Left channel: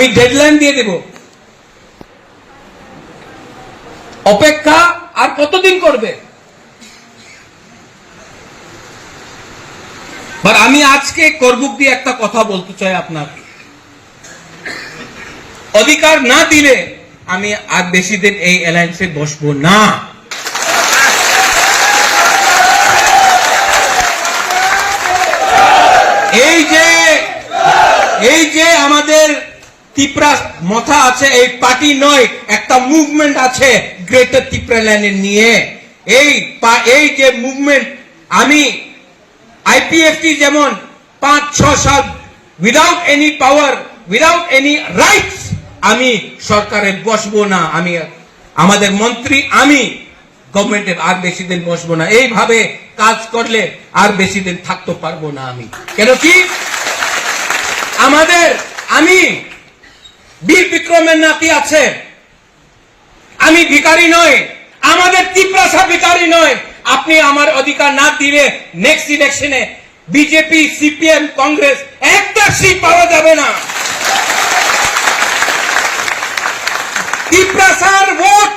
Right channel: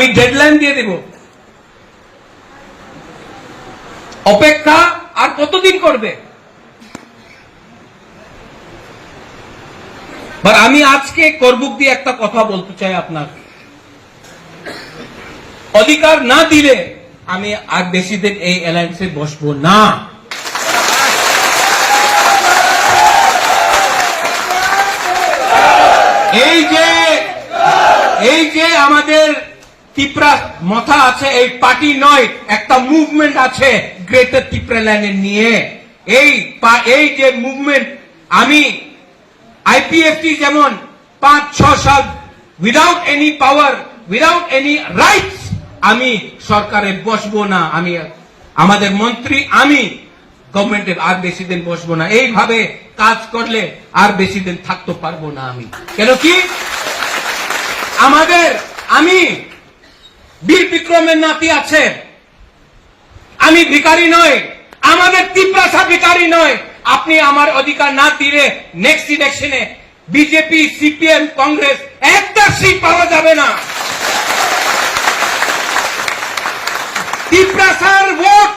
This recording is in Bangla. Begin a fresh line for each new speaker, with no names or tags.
আমি ডেডলাইন দিয়ে দেব। অপেক্ষা আর কতদিন করবে? আর আমি আজকে করবুক দিয়ে একটা কথা বলতে চাই আপনার। অধিকার না দিলে আমি আর বেশি দিন এই অ্যালায়েন্সে বসবো না। এই যে এই যে আমাদের তিপ্রা মাথা আছে, এই পার্টি নয়, একটা মুভমেন্ট আছে গ্রেটার তিপ্রা ল্যান্ডের নিয়ে। এই এই যে মুভমেন্ট আমি আইপিএফটি যেমন পাঁচ, ছ সাল without any power without any rights আমি সরকারে বসবো না, আমি, আমাদের মন্ত্রী, আমি গভর্নমেন্টের আর বেশি দিন বসবো না। এইভাবে কাজ করলে আর বেশি দিন থাকতে পারব না আমি। কেন কি? আমাদের, আমি বীর বিক্রমের নাতি আছে। আমি ভিকারি নই, আমাদের তিপ্রাসা ভিকারি নয় আপনি আমার অধিকার না দিলে নেক্সট ইলেকশনে বিজেপি, সিপিএম, কংগ্রেস একটা সিট পাওয়া যাবে না। তিপ্রাসার ভোট